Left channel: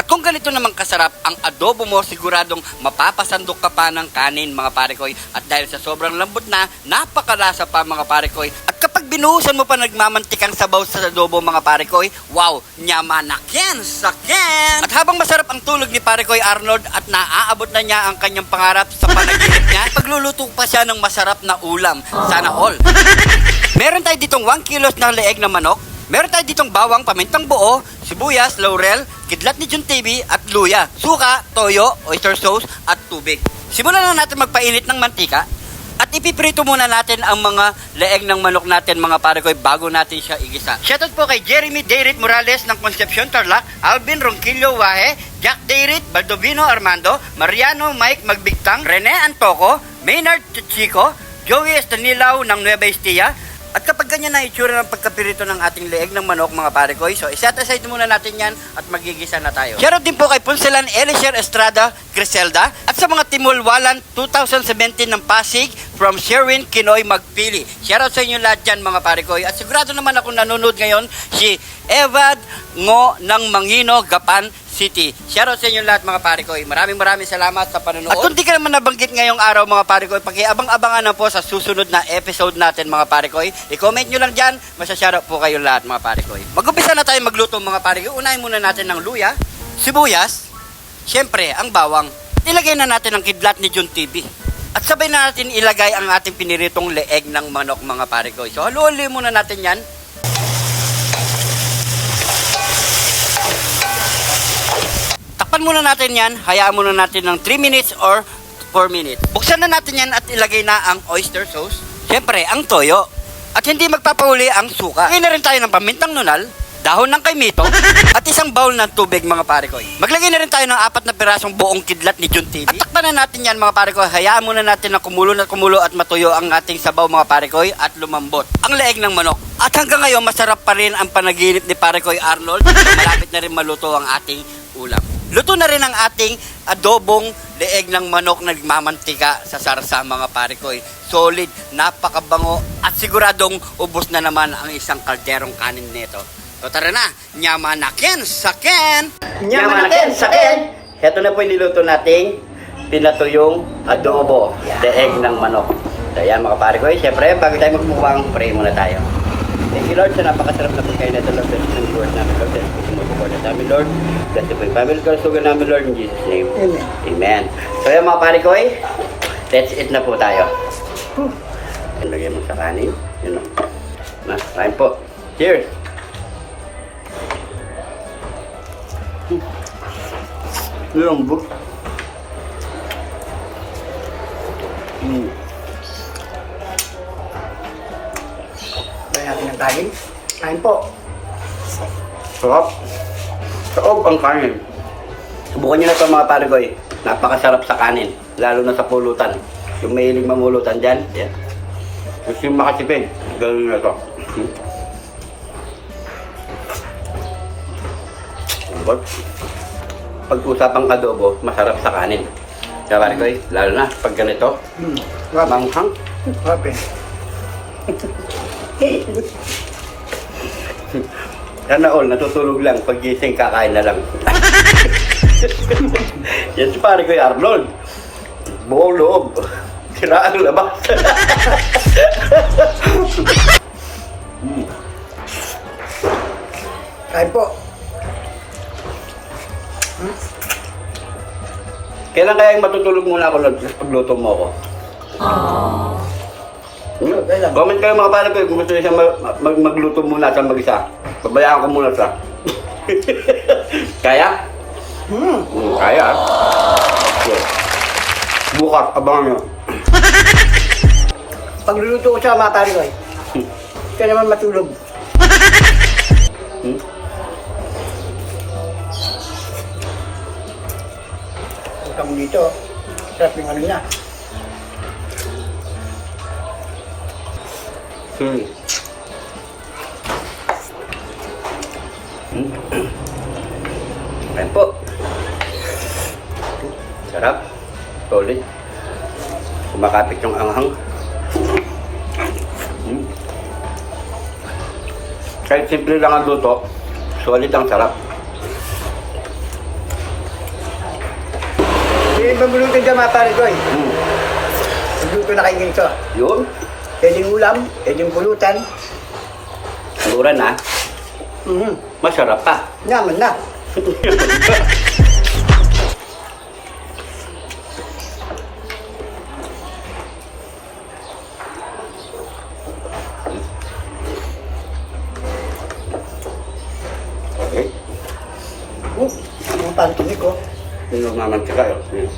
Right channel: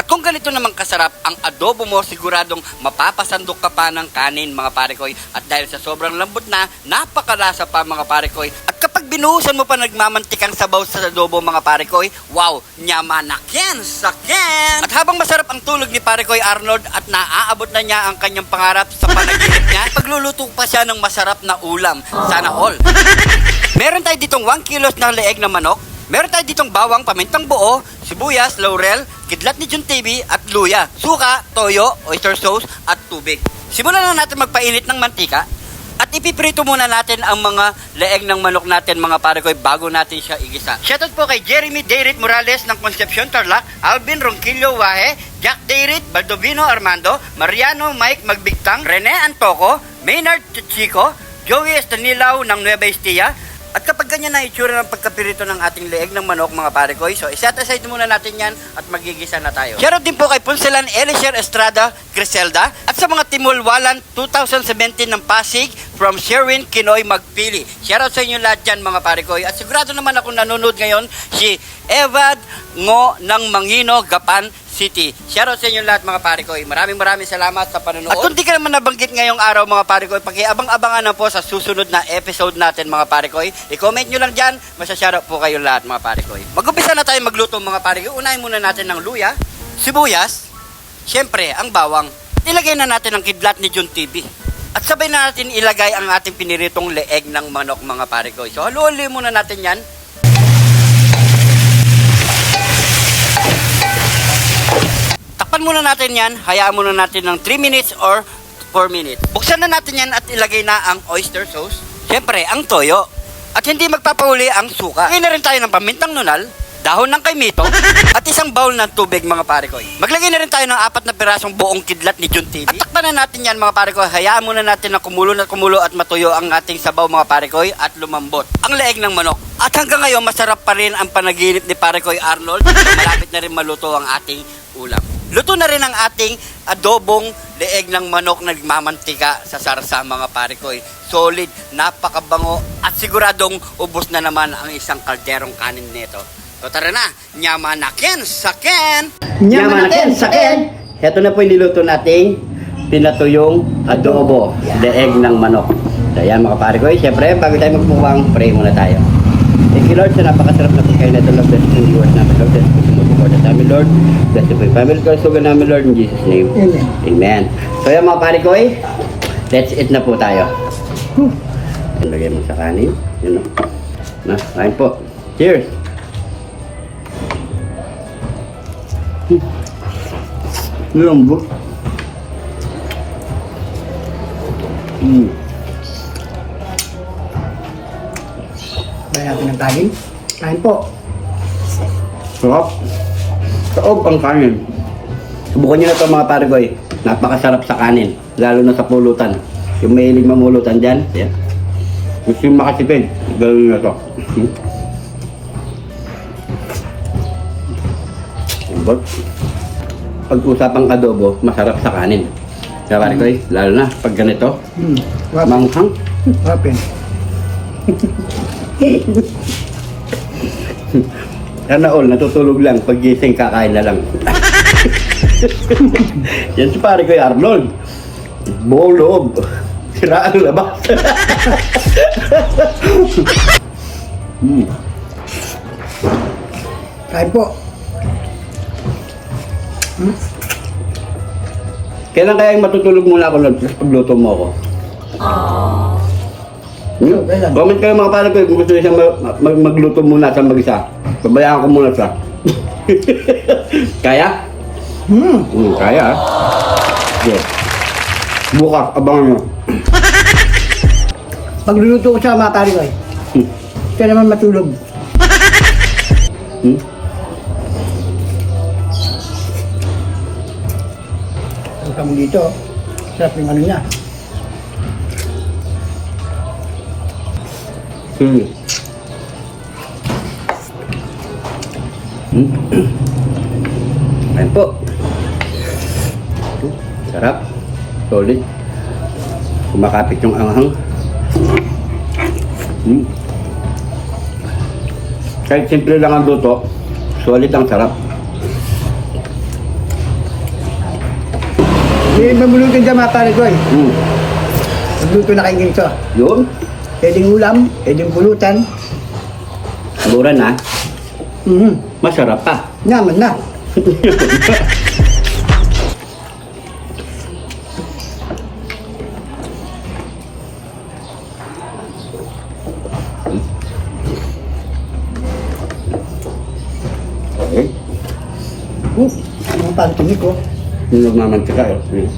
At kung ganito naman kasarap ang adobo mo, siguradong mapapasandok ka pa ng kanin mga pare koy. At dahil sa sobrang lambot na, napakalasa pa mga pare koy. At kapag binuhusan mo pa nagmamantikang sabaw sa adobo mga pare koy, wow, nyamanakin, sakin! At habang masarap ang tulog ni pare koy Arnold at naaabot na niya ang kanyang pangarap sa panaginip niya, pagluluto pa siya ng masarap na ulam. Sana all. Meron tayo ditong 1 kilos na leeg na manok. Meron tayo ditong bawang, pamintang buo, sibuyas, laurel, kidlat ni John TV at luya, suka, toyo, oyster sauce at tubig. Simulan na natin magpainit ng mantika at ipiprito muna natin ang mga leeg ng manok natin mga pare koy bago natin siya igisa. Shoutout po kay Jeremy Deirit Morales ng Concepcion Tarlac, Alvin Ronquillo Wahe, Jack Deirit, Baldovino Armando, Mariano Mike Magbigtang, Rene Antoco, Maynard Chico, Joey Estanilaw ng Nueva Ecija. At kapag ganyan na itsura ng pagkapirito ng ating leeg ng manok mga pare koy, so iset aside muna natin yan at magigisa na tayo. Shoutout din po kay Punsalan Elisher Estrada Criselda at sa mga Timulwalan 2017 ng Pasig from Sherwin Kinoy Magpili. Shoutout sa inyo lahat dyan mga pare koy. At sigurado naman ako nanonood ngayon si Evad Ngo ng Mangino, Gapan City. Shoutout sa inyo lahat mga pare koy. Maraming salamat sa panonood. At kung di ka naman nabanggit ngayong araw mga pare koy, pakiabang-abangan na po sa susunod na episode natin mga pare koy. I-comment nyo lang dyan, masya-shoutout po kayo lahat mga pare koy. Mag-umpisa na tayo magluto mga pare koy. Unahin muna natin ng luya, sibuyas, syempre ang bawang. Ilagay na natin ang kidlat ni John TV. At sabay na natin ilagay ang ating piniritong leeg ng manok mga pare koy. So haluin muna natin yan. Takpan muna natin yan, hayaan muna natin ng 3 minutes or 4 minutes. Buksan na natin yan at ilagay na ang oyster sauce. Siyempre, ang toyo. At hindi magpapauli ang suka. Lagay na rin tayo ng pamintang nunal, dahon ng kaimito, at isang bowl ng tubig mga pare koy. Maglagay na rin tayo ng 4 na pirasong buong kidlat ni John TV. At takpan na natin yan mga pare koy. Hayaan muna natin na kumulo at matuyo ang ating sabaw mga pare koy at lumambot ang leeg ng manok. At hanggang ngayon, masarap pa rin ang panaginip ni pare koy Arnold. Malapit na rin maluto ang ating ulam. Luto na rin ang ating adobong leeg ng manok na nagmamantika sa sarsa mga pare koy. Solid, napakabango at siguradong ubos na naman ang isang kalderong kanin nito. So tara na, nyamanakin, sakin! Nyamanakin, sakin! Heto na po yung niluto nating pinatuyong adobo, leeg ng manok. So yan mga pare koy, syempre bago tayo magpuwang, pray muna tayo. Thank you Lord sa napakasarap na pagkain na ito. Lord, bless the viewers namin Lord, bless the food for the namin Lord, bless the family kasugan namin Lord, in Jesus name. Amen. Amen. So yan mga pare koy, let's eat na po tayo. Ilagay mo sa kanin. Yan o. Na, kain po. Cheers! Lambot. Kaya natin ng kanin. Kain po. Sarap. Saob ang kanin. Subukan nyo na ito mga pare koy. Napakasarap sa kanin. Lalo na sa pulutan. Yung mahilig mamulutan dyan. Yan. Gusto yung makasipid. Gawin nyo na ito. Lambot. Pag-usapang adobo, masarap sa kanin. Kaya pare koy, lalo na pag ganito. Manghang. Rapin. Sana all, natutulog lang. Pag gising, kakain na lang. Yan si pare koy Arnold. Buong loob. Sira ang labas. Kain po. Kailan kaya yung matutulog muna ako Lord? Tapos pagluto mo ako. Comment kayo mga pare ko kung gusto niyo siya magluto muna sa mag-isa. Pabayaan ko muna siya. Kaya? Kaya ah. Bukas, abangan nyo. Pagluluto ko sa mga kari ko eh. Kaya naman matulog. Ang kamo dito. Sarap yung ano niya. Ayan po. Sarap. Solid. Kumakapit yung anghang. Kahit simple lang ang luto, solid ang sarap. Pwede magluluto dyan mga pare ko eh. Mm. Magluto na kayo ganito. Yun. Pwedeng ulam, pwedeng pulutan. Mura na. Masarap pa. Naman na. Okay. Mga pare tinig ko. Nilog naman sika yun. Ayan.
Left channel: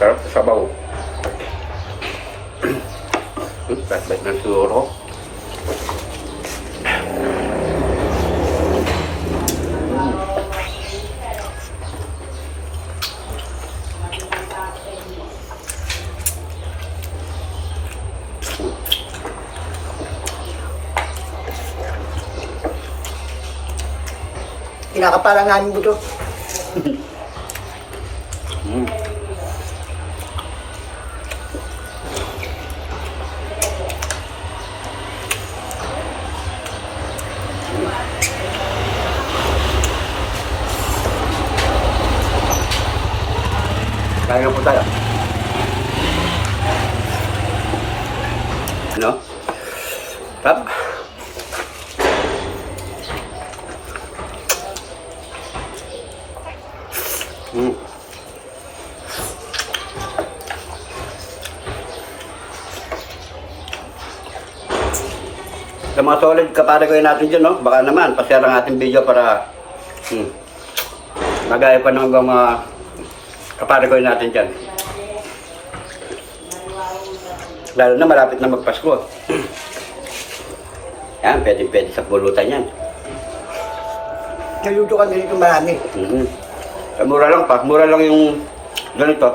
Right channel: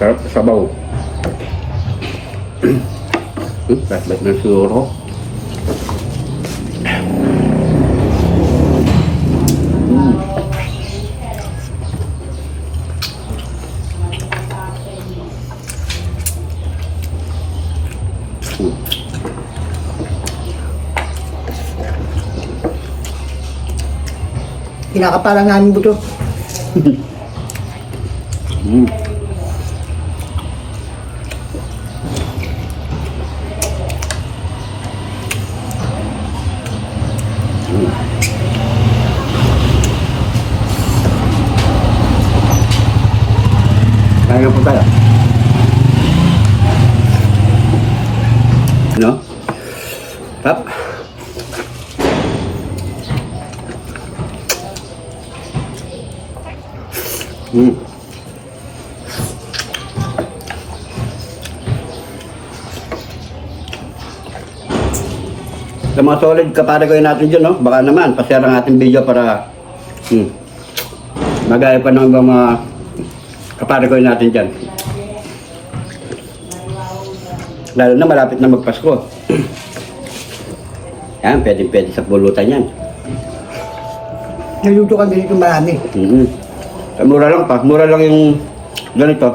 Sarap sa sabaw. Bait ng suro. Kinakapalan namin buto. Mm. Kaya po tayo. Ano? Tap. Sa mga solid kaparagoy natin dyan, no? Baka naman, pa-share ang ating video para magaya pa ng mga kaparagoy natin dyan. Lalo na malapit na magpasko. Yan, pwede sa pulutan yan. Naluto ka ganito marami. Mura lang pa, mura lang yung ganito.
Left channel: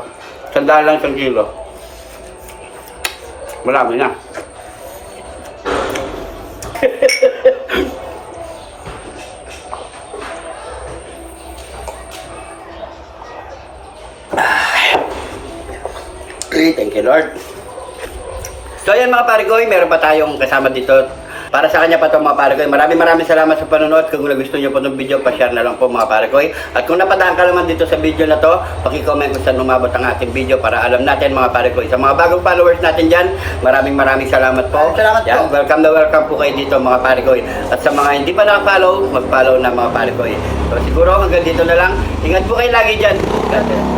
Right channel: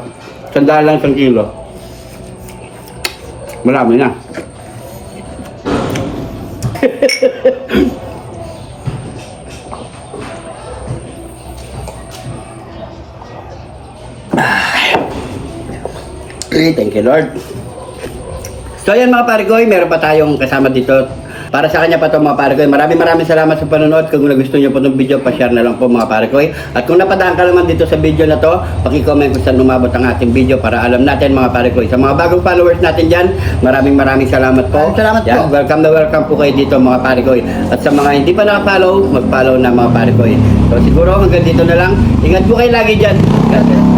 100 lang 1 kilo. Marami na. Thank you, Lord. So yan mga parikoy, meron pa tayong kasama dito. Para sa kanya pa ito mga parikoy. Maraming salamat sa panonood. Kung gusto niyo po itong video, pa-share na lang po mga parikoy. At kung napadaan ka naman dito sa video na to, paki-comment kung saan umabot ang ating video para alam natin mga parikoy. Sa mga bagong followers natin dyan, maraming salamat po. Salamat po. Welcome na welcome po kayo dito mga parikoy. At sa mga hindi pa naka-follow, mag-follow na mga parikoy. So siguro hanggang dito na lang. Ingat po kayo lagi dyan. God bless.